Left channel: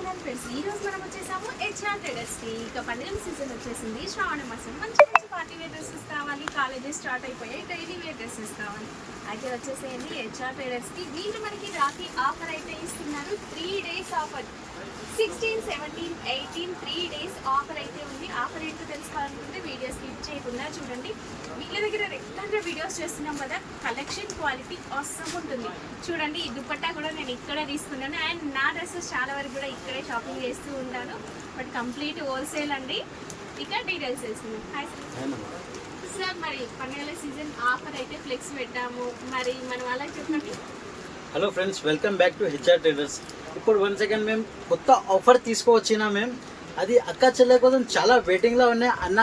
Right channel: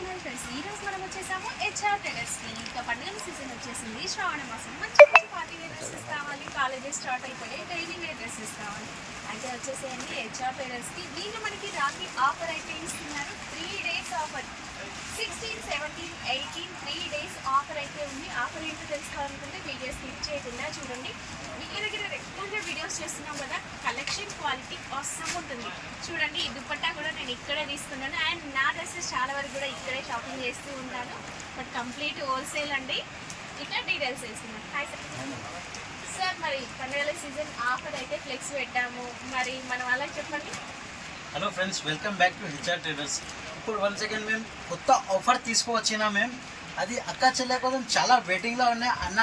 Channel friends. ఈ రోజు మనం వచ్చేసాము హెచ్ఆర్ ట్రేడర్స్ కి. ఇక పండుగల సీజన్ వచ్చేసింది, శ్రావణ మాసం. మంచి మంచి పార్టీ వేర్ డ్రెస్సెస్ కావాలి, కాలేజెస్ స్టార్ట్ అయిపోయాయి, డైలీ వేర్ డ్రెస్సెస్ కావాలి. అయితే వచ్చేసేయండి హెచ్ఆర్ ట్రేడర్స్ కి. వీళ్ళు మనకి రాఖీ ఆఫర్ అయితే ఇస్తున్నారు. 3 days ఆఫర్, 16, 17, 18 3 days ఆఫర్ అయితే ఉంది. ఆఫర్ ఏంటో తెలుసుకోవాలనుకుంటే వీడియో స్కిప్ చేయకుండా చూడండి. వీళ్ళ దగ్గర రెగ్యులర్గా వీడియోస్ చేస్తున్నాం కదా, కలెక్షన్ క్వాలిటీ అవసరం ఉంటుంది. చూడండి, ఈ దుపట్టా కూడా నేను ఇక్కడే తీసుకున్నాను. అండ్ నా డ్రెస్సెస్ చాలా వరకు కూడా ఇక్కడే షాపింగ్ చేస్తూ ఉంటాను. బట్ కంప్లీట్ హోల్సేల్ అండి. ఇక డీటెయిల్స్ తెలుసుకున్నాను. హాయ్ సార్, మరి పండుగల సీజన్ ఆఫర్ అయితే ఫ్లెక్స్ పెట్టాము, మరి మనం అలా చెప్పండి. Hello friends, welcome back to HR traders. ఇప్పుడు 1 second మేము కొత్త ఆఫర్ తీసుకువచ్చినా మేము అది అక్క చెల్లె కోసం చాలా వెయిటింగ్లో ఉన్నాయి. అన్న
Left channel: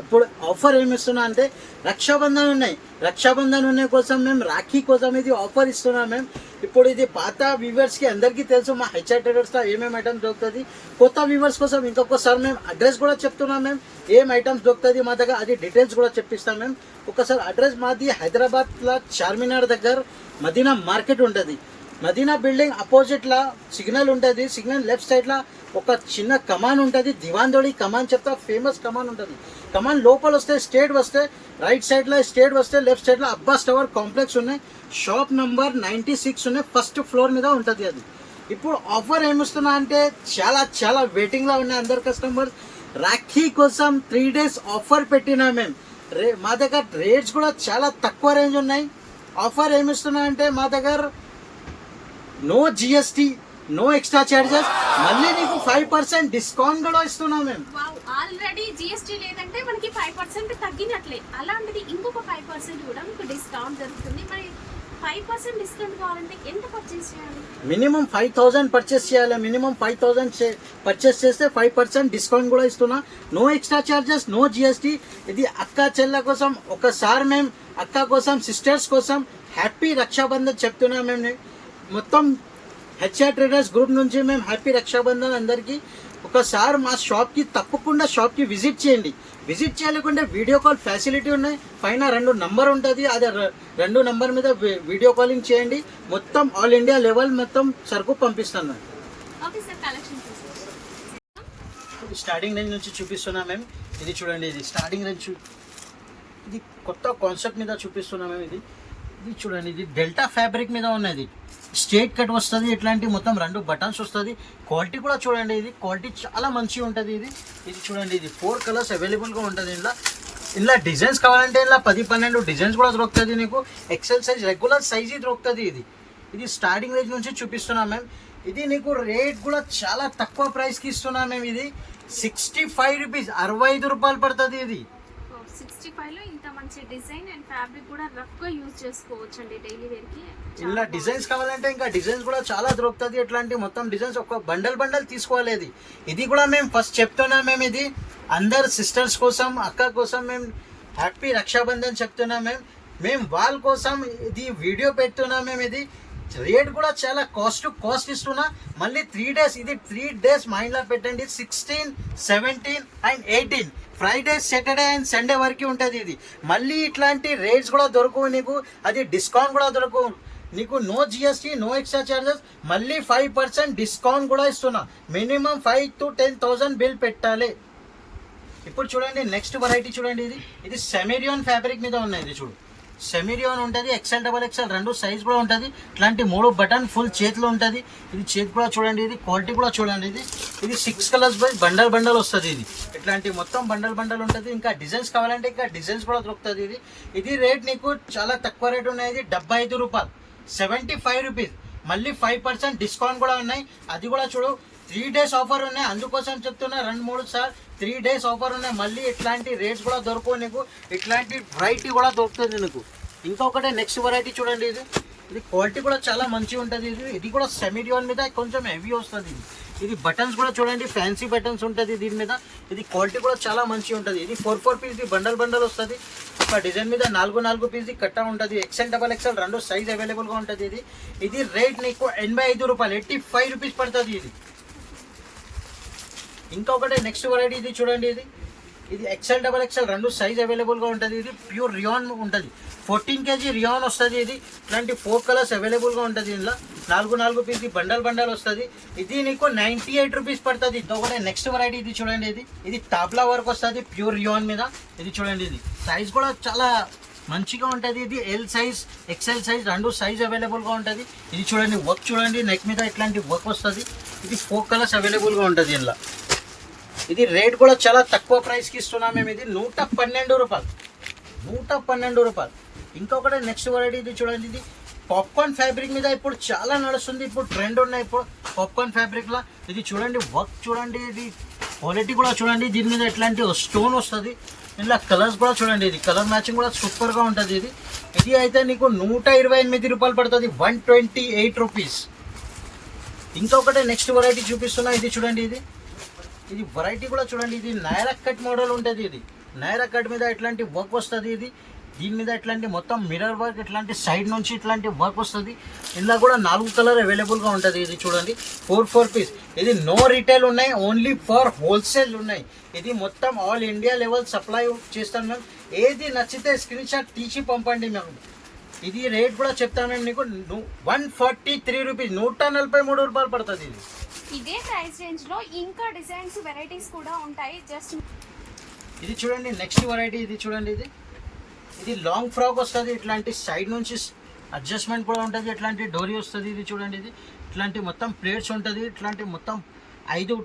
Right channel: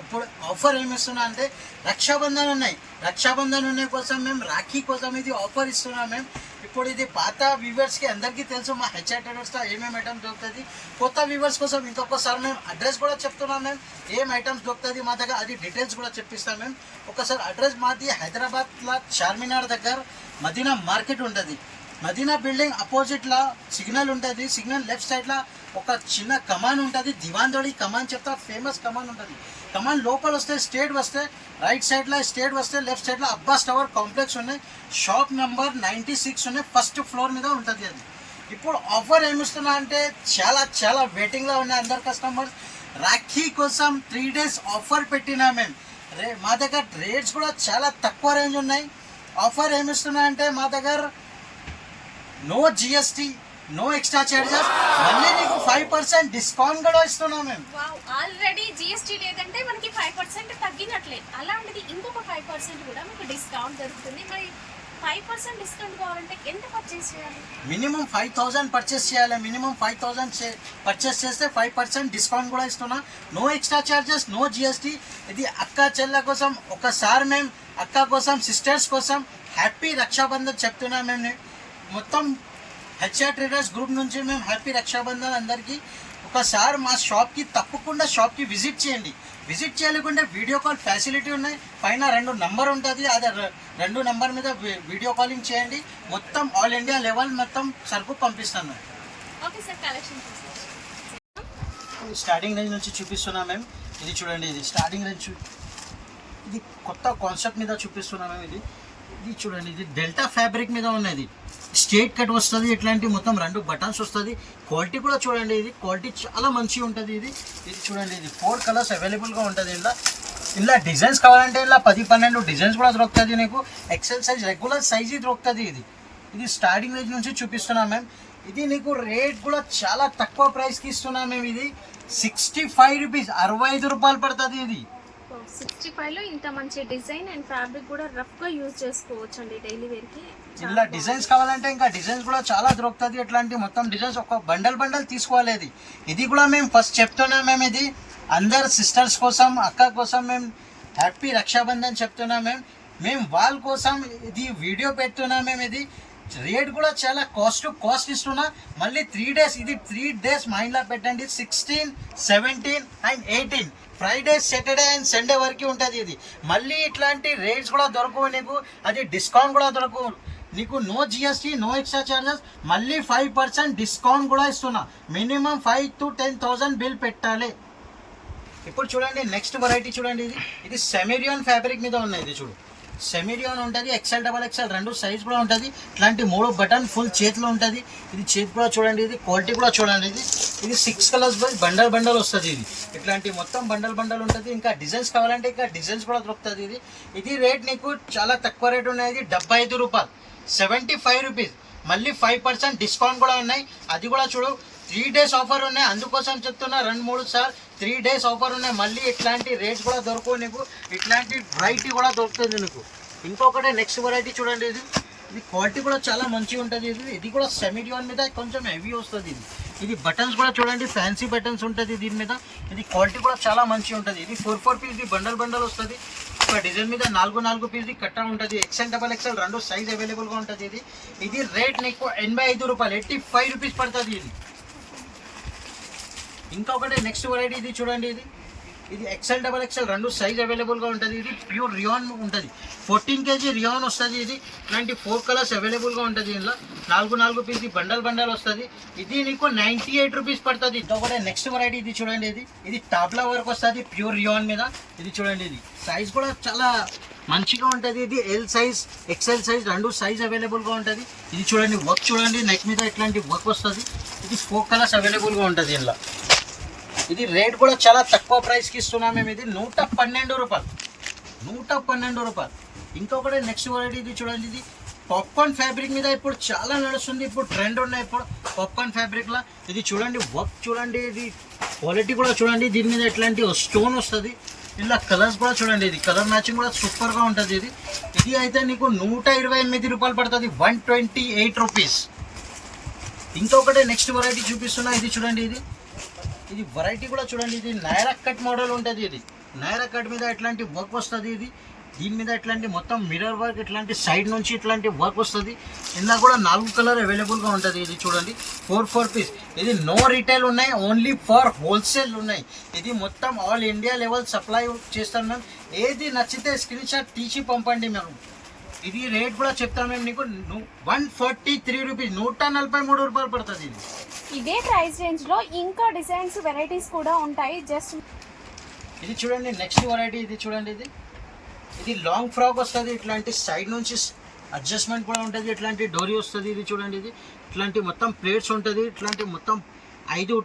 ఇప్పుడు ఆఫర్ ఏమి ఇస్తున్నా అంటే రక్షాబంధన్ ఉన్నాయి. రక్షాబంధన్ ఉన్నాయి కోసం మేము రాఖీ కోసం ఇది ఆఫర్ ఇస్తున్నాం మేము. ఇప్పుడు ఇది పాత వ్యూవర్స్కి అందరికీ తెలుసు మా హెచ్ఆర్ ట్రేడర్స్లో ఏమేమి ఐటమ్స్ దొరుకుతుంది. కొత్త వ్యూవర్స్ కోసం ఇంకొకసారి మేము అడ్రస్ కూడా చెప్తున్నాం మేము, ఏం ఐటమ్స్ దొరుకుతుంది మా దగ్గర, అది డీటెయిల్స్ కూడా చెప్పిస్తాం మేము. ఒకసారి అడ్రస్ మాది హైదరాబాద్లో చార్మినార్ దగ్గర మదీనా మార్కెట్ ఉంటుంది. మదీనా బిల్డింగ్ అపోజిట్లో సిగ్నల్ ఉంటుంది. సిగ్నల్ లెఫ్ట్ సైడ్లో ఒక చిన్న కమాన్ ఉంటుంది, దివాందోడి కమాన్ చెప్తా, ఫేమస్ కమాన్ ఉంటుంది. కమాన్ లోపల వస్తే స్టేట్ వస్తే రైట్ సైడ్లో, స్టేట్ వస్తే లెఫ్ట్ సైడ్లో అబ్బాస్ టవర్ కాంప్లెక్స్ ఉన్నాయి. షాప్ నంబర్ 96 ఉన్నాయి, ఫస్ట్ ఫ్లోర్ మీద ఉంటుంది అది. ఇప్పుడు ఆఫర్ ఏమిస్తున్నా అంటే చాలా చాలా వెయిటింగ్లో ఉన్నాయి అందరు కస్టమర్స్. రాఖీ కోసం 3 days ఆఫర్ పెట్టినా మేము. మా దగ్గర రేట్స్ కూడా చాలా తక్కువ రేంజ్ ఉన్నాయి. ఆఫర్ ఏమిస్తున్నా అంటే మా దగ్గర no GST, no extra charges, మళ్ళీ మీకు 5% డిస్కౌంట్ కూడా ఇస్తున్నాం మేము. ఆల్రెడీ జిఎస్టీ లేదంటే మనకి 5% తగ్గినట్లే, అలాంటిది ఇంకొక 5% కూడా మీకు డిస్కౌంట్ దొరుకుతుంది. మరి 5% డిస్కౌంట్ కావాలంటే ఎంత పర్చేస్ చేయాలి? మినిమం 5,000 పర్చేస్ చేయాలి. మినిమం 5,000 పర్చేస్ చేస్తే 5% డిస్కౌంట్ కూడా ఇస్తున్నా. No extra charges, no GST. ఇది అక్క చెల్లె కోసం ఒకసారి మేము అక్క కోసం, సిస్టర్స్ కోసం హ్యాపీ రక్షాబంధన్ చెప్తున్నాం మేము. మొత్తం హెచ్ఆర్ ట్రేడర్స్ గ్రూప్ నుంచి మేము హ్యాపీ రక్షాబంధన్ అందరికీ. ఒకసారి మా షాప్కి తప్పకుండా షాప్కి విజిట్ చేయండి. విజిట్ చేయలేకుంటే వీడియో కాల్ ఫెసిలిటీ ఉన్నాయి. పైన 2 నంబర్ ఉంటుంది, అదే 2 నంబర్ మీద వీడియో కాలింగ్ చేయండి. మొత్తం ఆల్ ఇండియా లెవెల్ మొత్తం సరుకు పంపిస్తాను. Okay sir, collection starting range నుంచి చూపిస్తున్నాం మేము. ఇది చూడండి, ఇది స్టార్టింగ్ రేంజ్. ఇది కొత్త కాన్సెప్ట్ మీద చూపిస్తున్నాం మేము. ఇది చూడండి, ఇది డెల్టా ఫ్యాబ్రిక్ మీద ఉన్నది. స్ట్రేట్ కట్ వస్తుంది, ఇట్లాంటి మొత్తం 2 బటన్స్ వస్తుంది. క్వాలిటీ కూడా చూడండి, ఇది క్వాలిటీ చాలా మంచిగా ఉంటుంది. ఇది చూడండి, ఇది 4 కలర్స్ అవైలబుల్గా ఉంటుంది. ఇలా డిజైన్స్ కావాలంటే ఇలా 10-12 డిజైన్స్ కూడా దొరుకుతుంది మీకు. ఎక్సెల్ సైజ్, రెగ్యులర్ సైజ్ దొరుకుతుంది. ఇది స్టార్టింగ్ రేంజ్ నుంచి చూపిస్తున్నాం మేము. ఇది నీకు రేట్ కూడా చాలా తక్కువ ప్రైస్కి ఇస్తున్నాం మేము. ఇది 65 రూపీస్, 65 రూపాయలు పడుతుంది. ఇది 65లో ఇంత మంచి డిజైన్ అండ్ ఫ్యాబ్రిక్ కూడా రఫ్గా యూజ్ చేసుకోవచ్చు అండి డైలీ వేర్కి. ఇలా డిజైన్స్ కావాలంటే ఇంకా డిజైన్స్ కూడా చాలా దొరుకుతుంది. ఇట్లాంటి మొత్తం డిజైన్స్ ఒక బండల్ తీసుకోవాలి. ఇది కూడా మేము ఫస్ట్ చెప్తున్నాం మేము. ఇది అందరు సిస్టర్స్ కోసం, అక్క కోసం మేము హ్యాపీ రక్షాబంధన్ చెప్తున్నాం మేము వాళ్ళ కోసం ఇది వీడియో పెడుతున్నాం మేము. ఇది రేట్ కూడా చాలా కాస్ట్ ఇస్తున్నా. మళ్ళీ 3 days, ఇది 3 days మైండ్లో పెట్టండి. 16, 17 and 18 Friday, Saturday and Sunday వరకు ఉంటుంది. ఇది మళ్ళీ ఇట్లాంటి రేట్స్ కూడా దొరకవు నీకు, అది డిస్కౌంట్ కూడా దొరకవు నీకు. No GST, no extra charges, మళ్ళీ 5% డిస్కౌంట్ కూడా ఇస్తున్నా. మినిమం 5,000 to 10,000 బిల్ పెట్టాలి. ఇప్పుడు చూడండి, నెక్స్ట్ వెరైటీ చూడండి. ఇది సెమిరియాన్ ఫ్యాబ్రిక్ మీద ఉన్నాయి. ఇది చూడు, సెమిరియాన్ ఉంటుంది. XL, XXL 2 సైజ్ కూడా ఉంటుంది. ఇట్లాంటి 3 బటన్ ఫుల్ చేతిలో ఉంటుంది. ఇది చేతి కూడా చూడండి, ఇది క్వాలిటీ కూడా చూడండి. ఇది 6 కలర్స్ బై బండల్ వస్తుంది. ఇట్లాంటి మొత్తం బండల్ ఉంటుంది. ఇంకా డిజైన్స్ కావాలంటే ఇంకా డిజైన్స్ కూడా దొరుకుతుంది. ఇది రేట్ నీకు చాలా తక్కువ రేట్ ఉన్నాయి. ఇది 75 రూపాయలు, 75 రూపీస్. మళ్ళీ 5% డిస్కౌంట్ కూడా ఉన్నాయి. అది కూడా చూడు, 3 days ఆఫర్ ఉన్నాయి. అందుకోసం చెప్తున్నా 2-3 సార్లు 3 days ఆఫర్ ఉన్నాయి. మళ్ళీ ఇట్లాంటి రేట్స్ కూడా దొరకవు నీకు. ఇట్లాంటి వెరైటీ కూడా దొరుకుతుంది నీకు. ఇంకొకటి నెక్స్ట్ వెరైటీ చూడండి. ఇది క్వాలిటీ కూడా చాలా మంచిగా ఉంటుంది. ఇది కూడా సెమిడియాన్ మీద కొంచెం హెవీ వస్తుంది. ఇది బటన్స్ కూడా చూడండి, ఫ్యాన్సీ బటన్స్ ఉంటుంది దీని మీద. ఇది క్వాలిటీ కూడా చాలా మంచిగా ఉంటుంది. ఇది 4 పీస్ బండల్ వస్తుంది. ఒక డిజైన్ మీద 4 పీస్ కట్ట ఉంటుంది. XL, XXL 2 సైజ్ అవైలబుల్గా ఉంటుంది. ఇది రేట్ నీకు 85 రూపాయలు, 85 రూపీస్ పడుతుంది. ఇంకొకటి నెక్స్ట్ వెరైటీ ఇది చూడండి. ఇది ఎక్సెల్ డబల్ ఎక్సెల్ రెండు సైజ్ అవైలబుల్గా ఉంటుంది. ఇది ప్యూర్ రియాన్ ఉంటుంది. 14 kg రియాన్ వస్తుంది. ఇది ఇట్లాంటి 4 కలర్స్ అవైలబుల్గా ఉంటుంది. ఇందులో 4 పీస్ బండల్ వస్తుంది. ఇది నీకు 98 రూపీస్ పడుతుంది. ఇంకొకటి నెక్స్ట్ వెరైటీ ఇది చూడండి. ఇది టాప్లా వర్క్ వస్తుంది ప్యూర్ రియాన్ మీద. ఇది చూడండి, ఇది సైజ్ కూడా చాలా మంచిగా ఉంటుంది. ఇది ఎల్ సైజ్ ఎక్సెల్ సైజ్ రెండు సైజ్ అవైలబుల్గా ఉంటుంది. ఇది చూడండి, వర్క్ చూడండి, నెక్ మీద ఇట్లాంటి వర్క్ వస్తుంది. ఇది 4 కలర్స్ అవైలబుల్గా ఉంటుంది ఇందులో. ఇది రేట్ కూడా చాలా తక్కువ ప్రైస్కి ఇస్తున్నాం మేము. ఇది 112 రూపాయలు, 112 రూపాయలు. ఇంకొకటి నెక్స్ట్ వెరైటీ ఇది చూడండి. ఇది పాప్కార్న్ ఫ్యాబ్రిక్ మీద ఇప్పుడు చాలా నడుస్తుంది. ఇప్పుడు ట్రెండ్ ఉన్నాయి ఇప్పుడు పాప్కార్న్ ఫ్యాబ్రిక్లో. ఇది చూడండి, వర్క్ చూడండి, ఇది క్వాలిటీ కూడా చూడండి. దీని మీద ఎట్లాంటి స్టోన్ వస్తుంది. ఇలా కలర్స్ కూడా చూడండి, ఇది కలర్ మ్యాచింగ్ కూడా సూపర్గా ఉంటుంది. ఇది అయితే నీకు 128 రూపాయలు పడుతుంది, 128 రూపీస్. ఇంకొకటి నెక్స్ట్ వెరైటీ చూపిస్తున్నా. ఇది చూడండి, ఇది వెరైటీ కూడా చూడండి. ఇది నైరా కట్ మోడల్ ఉంటుంది. ఇది నైరా కట్ మీద ఇట్లాంటి వర్క్ వస్తుంది. దీని మీద ఇట్లాంటి మొత్తం మిర్రర్ వర్క్, ఇట్లాంటి సైడ్ నుంచి ఇట్లాంటి వర్క్ వస్తుంది. ఇందులో కూడా 4 కలర్ అవైలబుల్గా ఉంటుంది. ఇది చూడండి, 4 పీస్. ఇది నో రీటైల్ ఉన్నాయి, ఓన్లీ ఫర్ హోల్సేల్ ఉన్నాయి. ఇది మొత్తం ఆల్ ఇండియా లెవెల్ సప్లై చేస్తాను మేము. ఏది నచ్చితే స్క్రీన్ షాట్ తీసి పంపండి మేము. ఇది రేట్ కూడా చెప్తాను మేము నీకు, 143 రూపీస్, 143 రూపాయలు పడుతుంది. ఇదే ప్రైస్ రేంజ్ లో ఇంకా డిజైన్స్ వెరైటీస్ కూడా ఉంటాయి. జస్ట్ ఇది చూడండి నెక్స్ట్ వెరైటీ. ఇది చూడండి, ఇది లాంగ్ ఫ్రాక్ వస్తుంది. ఇట్లాంటి సైడ్ నుంచి అడ్జస్ట్మెంట్ కూడా ఉంటుంది. ఇట్లాంటి డోరీ వస్తుంది. ఇది చూడండి, ఇట్లాంటి మొత్తం ప్లేట్స్ ఉంటుంది. ఇట్లాంటి మొత్తం 5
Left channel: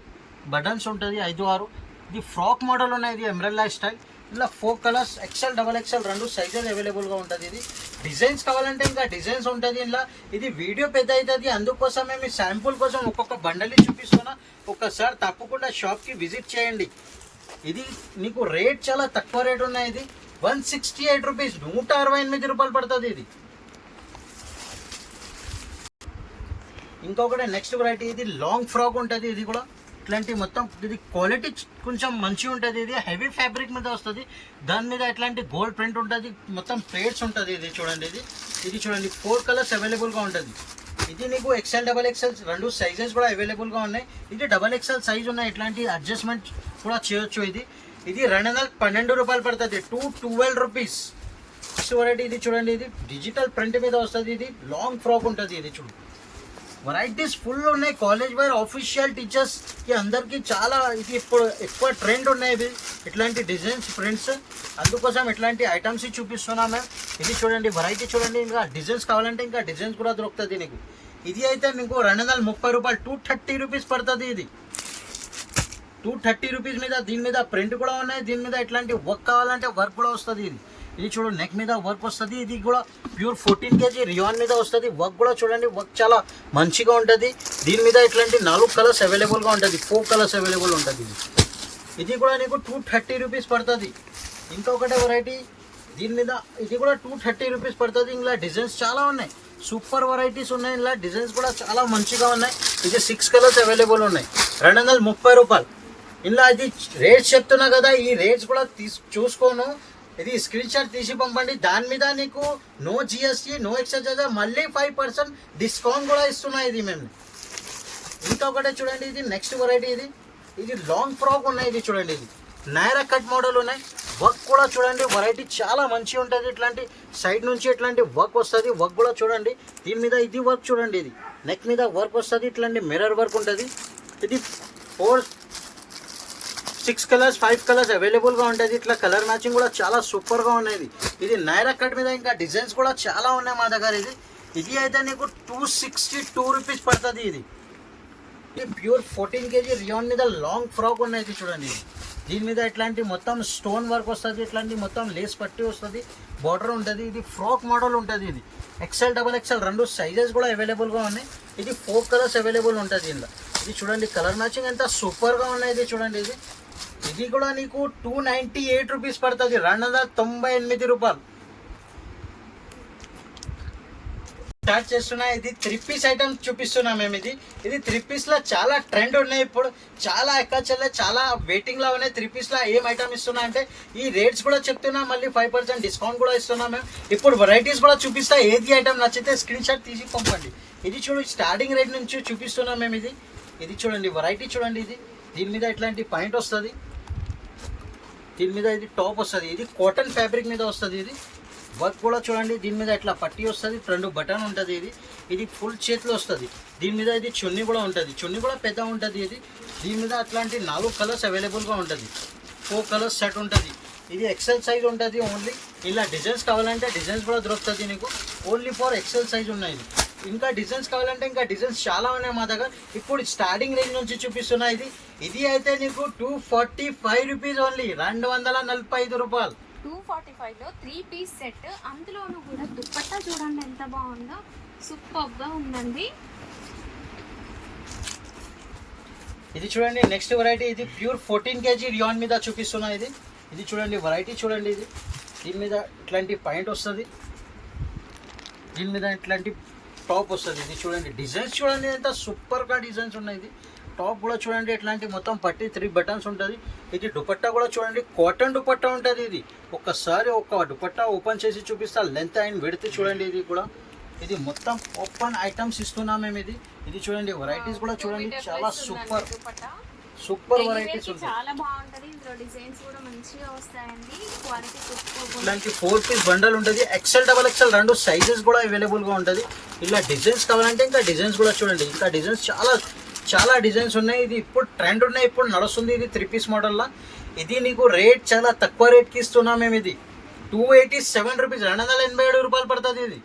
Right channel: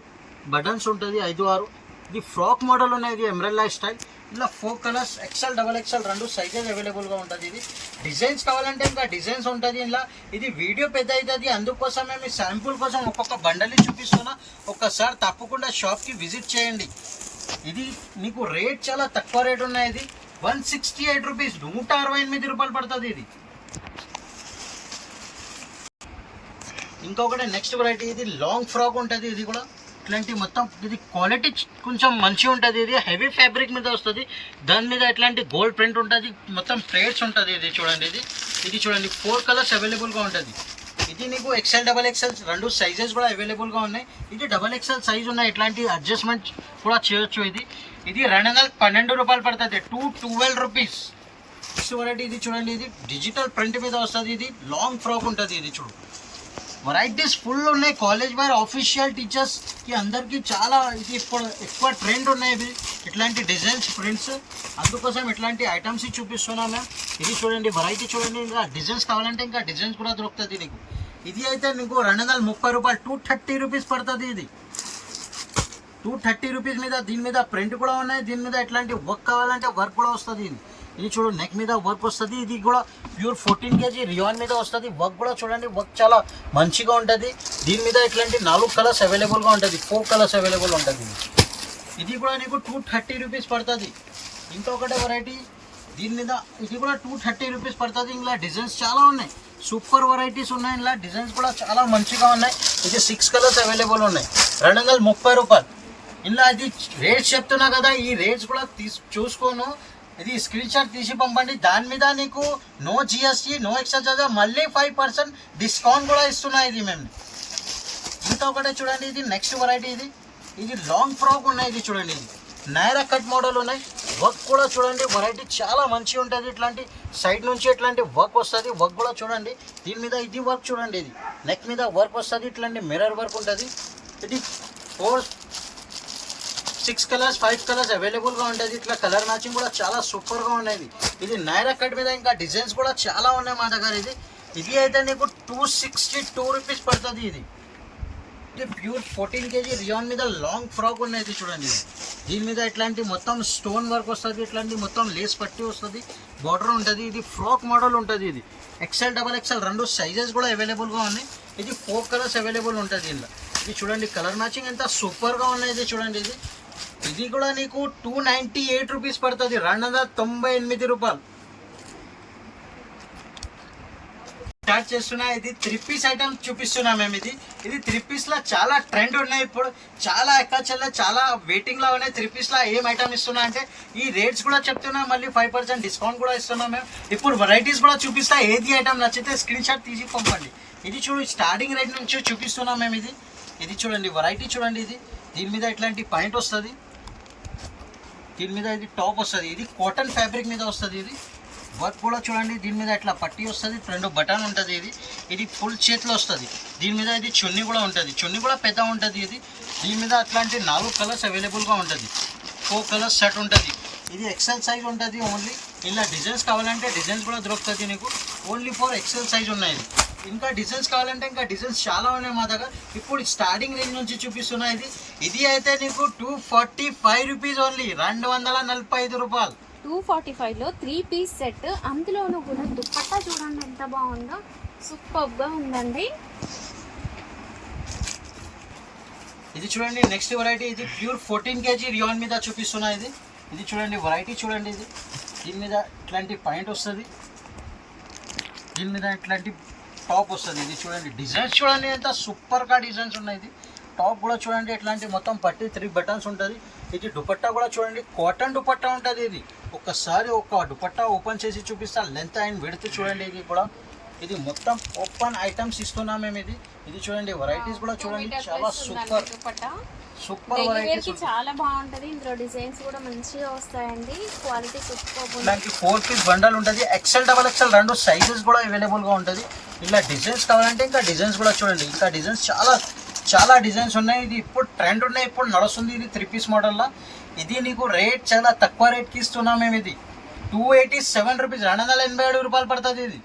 బటన్స్ ఉంటుంది, 5, 6. ఇది ఫ్రాక్ మోడల్ ఉన్నాయి. ఇది ఎంబ్రెల్లా స్టైల్. ఇలా 4 కలర్స్ ఎక్సెల్ డబల్ ఎక్సెల్ రెండు సైజెస్ అవైలబుల్గా ఉంటుంది. ఇది డిజైన్స్ కావాలంటే ఇంకా డిజైన్స్ ఉంటుంది ఇలా. ఇది వీడియో పెద్ద అవుతుంది, అందుకోసం మేము శాంపుల్ కోసం ఒక్కొక్క బండలి చూపిస్తున్నా. ఒక్కసారి తప్పకుండా షాప్కి విజిట్ చేయండి. ఇది మీకు రేట్ చాలా తక్కువ రేట్ ఉన్నాయి. ఇది 168 రూపీస్, 168 రూపాయలు పడుతుంది. ఇది ఇంకొకటి నెక్స్ట్ వెరైటీ. ఇది లాంగ్ ఫ్రాక్ ఉంటుంది. ఇది కూడా ఇట్లాంటి మొత్తం ఇది క్వాలిటీ కొంచెం మంచిగా ఉంటుంది. ఇది హెవీ ఫ్యాబ్రిక్ మీద వస్తుంది. దాని మీద ఇట్లాంటి గోల్డ్ ప్రింట్ ఉంటుంది. మొత్తం ప్లేట్స్ ఉంటుంది. ఇది చూడండి, ఇది చూడండి, 4 కలర్స్ అవైలబుల్గా ఉంటుంది. ఇది నీకు ఎక్సెల్ డబల్ ఎక్సెల్ రెండు సైజెస్ కూడా అవైలబుల్గా ఉన్నాయి. ఇది డబల్ ఎక్సెల్ సైజ్ ఉన్నాయి. ఇట్లాంటి అడ్జస్ట్మెంట్ కూడా చేయొచ్చు. ఇది 212 రూపాయలు పడుతుంది, 212 రూపీస్. నెక్స్ట్ వెరైటీ ఇది చూడండి. ఇది డిజిటల్ ప్రింట్ మీద వస్తుంది. ఇది లాంగ్ ఫ్రాక్ ఉంటుంది. ఇది చూడు, వెరైటీస్ ఫుల్ ఉన్నాయి. కాలేజ్ వేర్ ఆఫీషియల్ టీచర్స్కి అందరికీ చాలా ఇది ఇప్పుడు ఎక్కువ ట్రెండ్ ఉన్నాయి. ఇట్లాంటి డిజైన్స్ ప్రింట్స్, అందుకోసం ఇట్లాంటి ఐటమ్స్ చూపిస్తున్నాం మేము. ఇది చూడండి, వెరైటీ చూడండి. ఇంకా డిజైన్స్ కావాలంటే ఇంకా డిజైన్స్ కూడా దొరుకుతుంది నీకు. ఇది అయితే నీకు 230 రూపాయలు, 230 రూపీస్ పడుతుంది. ఇది 230 రూపీస్ మీద దీని మీద ప్రింట్ కూడా ఉన్నాయి. దీని మీద ఇట్లాంటి వర్క్ కావాలంటే వర్క్ కూడా వస్తుంది. ఇది చూడు, నెక్ మీద వర్క్ వస్తుంది. ఇది కూడా ప్యూర్ 14 kg రియాన్ మీద వస్తుంది. వర్క్ కూడా చూడండి, వర్క్ చాలా మంచిగా ఉంటుంది. దీని మీద ఇట్లాంటి 4 కలర్స్ అవైలబుల్గా ఉంటుంది, 4 కలర్స్ అవైలబుల్ ఉంటుంది. ఇది కూడా నీకు 230 రూపీస్ పడుతుంది. ఇంకొకటి వెరైటీ దీని మీద, ఇది కూడా 230 రూపీస్ పడుతుంది. ఇలా డిజైన్స్ చాలా ఉన్నాయి, సూపర్ వెరైటీస్ ఉన్నాయి. ఇలా డిజైన్స్ కూడా చాలా మంచిగా ఉన్నాయి. ఇది 6 కలర్స్ అవైలబుల్ ఉన్నాయి, 230 రూపాయలు. ఇలా ఇది రేట్స్ చెప్తున్నా కదా, ఈ రేట్స్ కూడా చూసుకోను. ఇది స్క్రీన్ షాట్ తీసి పంపండి. దాని మీద నీకు no GST, no extra charge, మళ్ళీ 5% డిస్కౌంట్ కూడా ఇస్తున్నాయి. ఇది మేము ఇంకొకటి చూడండి. ఇది నెక్స్ట్ వెరైటీ. ఇది లాంగ్ ఫ్రాక్ ఉన్నాయి. ఇది చూడండి, ఇది నైరా కట్ మోడల్ ఉన్నాయి. వర్క్ కూడా చూడండి, వెరైటీ చాలా మంచిగా ఉంటుంది. ఇట్లాంటి సైడ్ నుంచి ఇట్లాంటి వర్క్ వస్తుంది. వర్క్ కూడా చూడండి. దీని మీద ఇది వర్క్ చూడండి, ఇది నెక్ మీద వర్క్ వస్తుంది. ఇట్లాంటి మిర్రర్ వర్క్ ఉంటుంది. ఇది 6 కలర్స్ 5 కలర్స్ అవైలబుల్గా ఉంటుంది. ఇట్లా కలర్ మ్యాచింగ్ కూడా చాలా సూపర్గా ఉన్నాయి. ఇది నైరా కట్ మీద ఇంకా డిజైన్స్ కూడా చాలా ఉన్నాయి మా దగ్గర. ఇది అయితే నీకు 262 రూపీస్ పడుతుంది. ఇది ప్యూర్ 14 kg రియాన్ మీద లాంగ్ ఫ్రాక్ ఉన్నాయి. చూడండి, దీని మీద ఇట్లాంటి మొత్తం స్టోన్ వర్క్ వస్తుంది. ఇట్లాంటి మొత్తం లేస్ పట్టి వస్తుంది, బార్డర్ ఉంటుంది. ఇది ఫ్రాక్ మోడల్ ఉంటుంది. ఇది ఎక్సెల్ డబల్ ఎక్సెల్ రెండు సైజెస్ కూడా అవైలబుల్గా ఉన్నాయి. ఇది 4 కలర్స్ అవైలబుల్ ఉంటుంది ఇందులో. ఇది చూడండి, కలర్ మ్యాచింగ్ ఎంత సూపర్గా ఉన్నాయి. ఇది చూడండి, ఇది కూడా నీకు 298 రూపీస్ పడుతుంది, 298 రూపాయలు. స్టార్ట్ చేస్తున్నా. ఇది 3 పీస్ ఐటమ్ చూపిస్తున్నా మేము. ఇది 3 పీస్లో చాలా ట్రెండ్ ఉన్నాయి. ఇప్పుడు చాలా ఎక్కచెల్లే చాలా వెయిటింగ్లో ఉన్నాయి. 3 పీస్లో ఏం ఐటమ్ ఇస్తున్నా అంటే ఈ రేట్స్ కూడా చెప్తున్నా, మళ్ళీ 5% డిస్కౌంట్ కూడా ఇస్తున్నాం మేము. ఇప్పుడు వెరైటీస్ కూడా చూపిస్తా. ఏది ఐటమ్ నచ్చితే స్క్రీన్ షాట్ తీసి పంపండి. ఇది చూడు, స్టార్టింగ్ రేట్ నుంచి చూపిస్తున్నాం మేము. ఇది చూడండి, వెరైటీ చూడండి. దీని మీద ఇట్లాంటి పాయింట్ వస్తుంది. దీని మీద ఇది టాప్ వస్తుంది, ఇది కాటన్ ఫ్యాబ్రిక్ మీద వస్తుంది. ఇది వర్క్ కూడా చూడండి, దీని మీద ఇట్లా పట్టి వస్తుంది, 2 బటన్ ఉంటుంది. ఇది ఫుల్ చేతిలో వస్తుంది. దీని మీద ఇది చున్నీ కూడా ఉంటుంది, చున్నీ కూడా పెద్ద ఉంటుంది. దీని మీద అట్లాంటి 4 కలర్స్ అవైలబుల్గా ఉంటుంది, 4 కలర్స్ సెట్ ఉంటుంది. ఇది ఎక్సెల్ సైజ్ ఉంటుంది ఓన్లీ. ఇలా డిజైన్స్ కావాలంటే డిజైన్స్ కూడా దొరుకుతుంది నీకు, ఓన్లీ ఫర్ ఎక్సెల్ సైజ్ ఉన్నాయి. ఇంకా డిజైన్స్ కావాలంటే ఇంకా డిజైన్స్ చాలా ఉన్నాయి మా దగ్గర. ఇప్పుడు స్టార్టింగ్ రేంజ్ నుంచి చూపిస్తున్నా. ఇది అయితే నీకు 245 రూపీస్ ఓన్లీ, 245 రూపాయలు. 245లో 3 పీస్ సెట్, అందులోనూ కూడా దుపట్టా చూడండి ఎంత బాగుందో, సూపర్గా ఉందండి. ఇది చూడండి నెక్స్ట్ వెరైటీ, ఇది ప్యూర్ 14 kg రియాన్ మీద చూపిస్తున్నా. ఇది చూడండి వెరైటీ చూడండి. దీని మీద ఇట్లాంటి పాయింట్ వస్తుంది, దీని మీద ఇట్లాంటి టాప్ వస్తుంది. ఇది చూడండి డిజైన్స్ చూడండి ఎంత సూపర్గా డిజైన్స్ ఉన్నాయి. ఇది టాప్ కూడా చూడండి ఎట్లాంటి మొత్తం పట్టి 3 బటన్స్ ఉంటుంది. ఇది దుపట్టా కూడా చూడండి, కాటన్ దుపట్టా ఉంటుంది. ఇది ఒక్కసారి ఒక దుపట్టా ఓపెన్ చేసి చూపిస్తా, లెంత్ అండ్ విడ్త్ చూడండి. ఇది కూడా ఇది మొత్తం ఓపెన్ ఐటమ్స్ ఇస్తున్నాం మేము. ఇది చూడండి వెరైటీస్ కూడా చూడండి, చాలా సూపర్ సూపర్ వెరైటీస్ ఉంటాయి. చాలా బాగుంటది, ఇందులో డిజైన్స్ కూడా మంచిగా వస్తాయండి, క్వాలిటీ సూపర్. దానికి 4 పీస్ బండల్ ఉంటుంది, ఎక్సెల్ డబల్ ఎక్సెల్ 2 సైజెస్ కూడా అవైలబుల్గా ఉంటుంది. ఇలా డిజైన్స్ కావాలంటే ఇంకా డిజైన్స్ కూడా చూడండి, ఇంకా డిజైన్స్ చాలా డిజైన్స్ ఉన్నాయి. ఇది ఇప్పుడు ట్రెండ్ ఉన్నాయి, ఇప్పుడు నడుస్తుంది. ఇది 3 పీస్ మోడల్లో. ఇది నీకు రేట్ చాలా తక్కువ రేట్కి ఇస్తున్నాం మేము. ఇది 287 రూపీస్, 287 రూపాయలు పడుతుంది.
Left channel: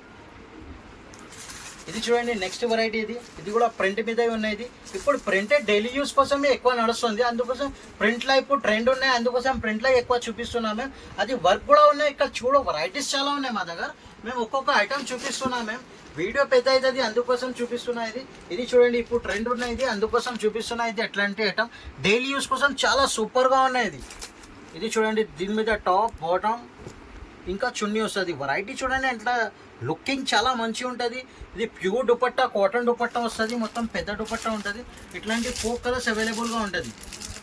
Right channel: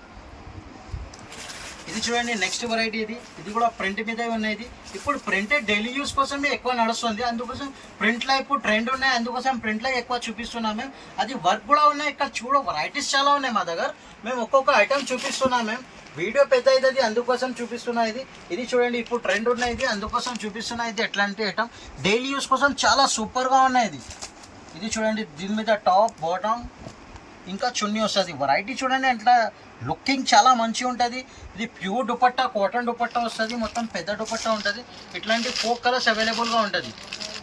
ఇది చూడండి నెక్స్ట్ వెరైటీ. ఇది కూడా ప్రింట్ మీద ఉన్నాయి. ఇప్పుడు ప్రింట్ డైలీ యూస్ కోసమే ఎక్కువ నడుస్తుంది, అందుకోసం ప్రింట్లో ఇప్పుడు ట్రెండ్ ఉన్నాయి, అందుకోసం ప్రింట్లో ఎక్కువ చూపిస్తున్నాం మేము. అది వర్క్ కూడా ఉన్నాయి. ఇక్కడ చూడ వెరైటీస్ చాలా ఉన్నాయి మా దగ్గర, మేము ఒక్కొక్క ఐటమ్ చూపిస్తున్నాం. మేము వీడియో పెద్ద అవుతుంది, అందుకోసం చూపిస్తున్నా. ఇది చూడండి ఇప్పుడు ట్రెండ్ ఉన్నాయి, అందుకోసం చూపిస్తున్నా. ఇది ఎట్లాంటి ఐటమ్ డైలీ యూస్ కోసం చాలా సూపర్గా ఉన్నాయి. ఇది చూడండి దీని మీద టాప్ బాటమ్ ఇంకా చున్నీ వస్తుంది. వెరైటీ చూడండి ఎట్లా లుకింగ్ చాలా మంచిగా ఉంటుంది. ఇది ప్యూర్ దుపట్టా, కాటన్ దుపట్టా వస్తుంది, మొత్తం పెద్ద దుపట్టా ఉంటుంది. ఇట్లాంటి 4 కలర్స్ అవైలబుల్గా ఉంటుంది.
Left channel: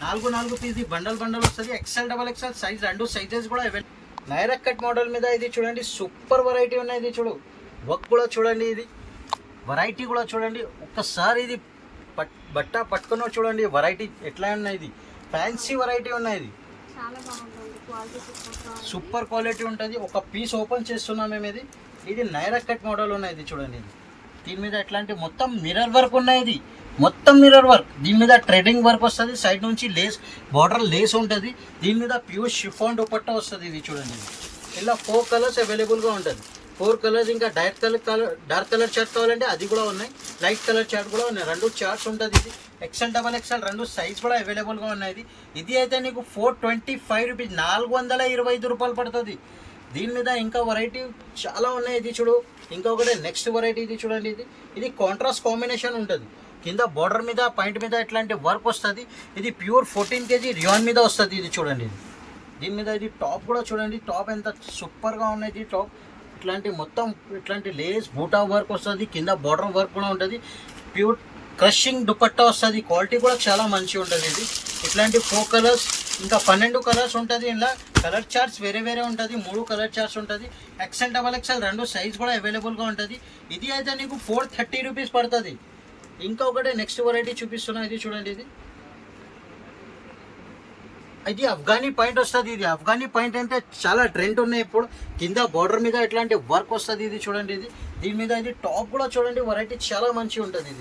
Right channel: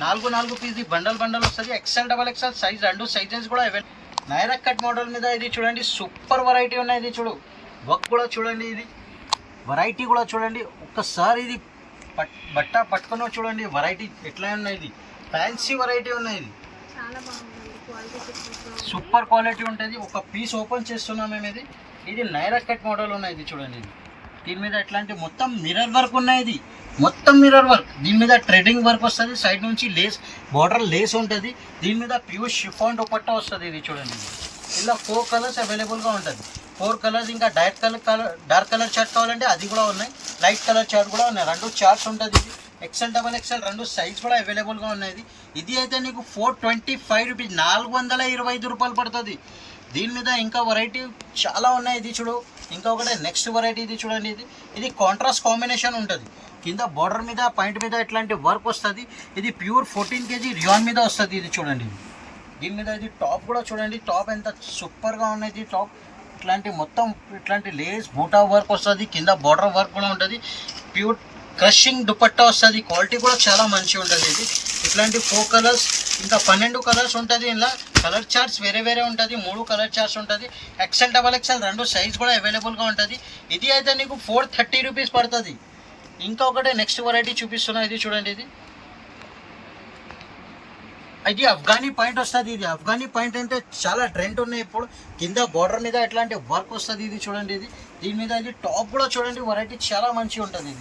4 పీస్ బండల్ వస్తుంది, XL double XL size 2 sizes కూడా అవైలబుల్. నైరా కట్ మోడల్ మీద ఇది చూడండి సూపర్ వెరైటీ ఉన్నాయి. ఇది చూడు వర్క్ కూడా చూడండి, ఇది వెరైటీ కూడా చూడండి. ఒక్కసారి ఇది బట్ట పట్టుకున్న చూడండి వెరైటీ ఎట్లా ఉన్నాయి. ఇది ఫ్యాన్సీ వెరైటీ ఉన్నాయి. ఇది చాలా బాగుందండి, క్వాలిటీ సూపర్ క్వాలిటీ ఉంటుంది. ఒక పీస్ ఓపెన్ చేస్తున్నాం మేము. ఇది నైరా కట్ మోడల్ ఉన్నాయి. ఇది చూడండి, దీని మీద ఎట్లాంటి మొత్తం మిర్రర్ వర్క్ ఉన్నాయి. ఇది మొత్తం మిర్రర్ వర్క్, దీని మీద ట్రెడింగ్ వర్క్ వస్తుంది, సైడ్ నుంచి లేస్ బార్డర్ లేస్ ఉంటుంది. దీని మీద ప్యూర్ షిఫాన్ దుపట్టా వస్తుంది. ఇది చూడండి ఇలా 4 కలర్స్ అవైలబుల్గా ఉంటుంది. 4 కలర్స్. ఇంకా డార్క్ కలర్ చార్ట్ కావాలంటే అది కూడా ఉన్నాయి, లైట్ కలర్ చార్ట్ కూడా ఉన్నాయి. 2 చార్ట్స్ ఉంటుంది. ఇది ఎక్సెల్ డబల్ ఎక్సెల్ 2 సైజ్ కూడా అవైలబుల్గా ఉన్నాయి. ఇది అయితే నీకు 425 రూపీస్, 425 రూపాయలు పడుతుంది. దీని మీద ఇంకా వెరైటీ చాలా ఉన్నాయి. ఇది చూడు ఇంకా ఒకటే నెక్స్ట్ వెరైటీ. ఇది చూడండి, ఇది కాంట్రాస్ట్ కాంబినేషన్ ఉంటుంది. కింద బార్డర్ మీద పాయింట్ మీద ఇట్లాంటి వర్క్ వస్తుంది. ఇది ప్యూర్ 14 kg రియాన్ మీద వస్తుంది. ఇది చూడండి, దీని మీద ఇది టాప్ కూడా చూడండి, టాప్ ఎంత సూపర్గా ఉన్నాయి. టాప్ ఇట్లాంటి మొత్తం ఇట్లాంటి లేస్ బూటా వర్క్ వస్తుంది, కింద బార్డర్ వర్క్ కూడా ఉంటుంది. ప్యూర్ క్రషింగ్ దుపట్టా వస్తుంది, క్వాలిటీ కూడా చాలా మంచిగా ఉంటుంది. ఇది ఇట్లాంటి 4 కలర్స్ ఇంకా 12 కలర్స్ ఉంటుంది. ఇలా కలర్ చార్ట్స్ వేరే ఉంటుంది, 3 కలర్ చార్ట్స్ ఉంటుంది. ఎక్సెల్ డబల్ ఎక్సెల్ 2 సైజ్ కూడా అవైలబుల్గా ఉంటుంది. ఇది అయితే నీకు 430 రూపీస్ పడుతుంది. ఇంకా ఒకటే నెక్స్ట్ వెరైటీ చూపిస్తున్నా. ఇది చూడండి, ఇది అఫ్ఘానీ పాయింట్ వస్తుంది. ఇది అఫ్ఘానీ పాయింట్ అంటే చాలా ట్రెండ్ ఉన్నాయి ఇప్పుడు. కింద బార్డర్ మీద ఇట్లాంటి వర్క్ వస్తుంది. ఇది చూడండి, దీని మీద ఇది టాప్ కూడా చూడండి, వెరైటీ చాలా మంచిగా ఉంటుంది.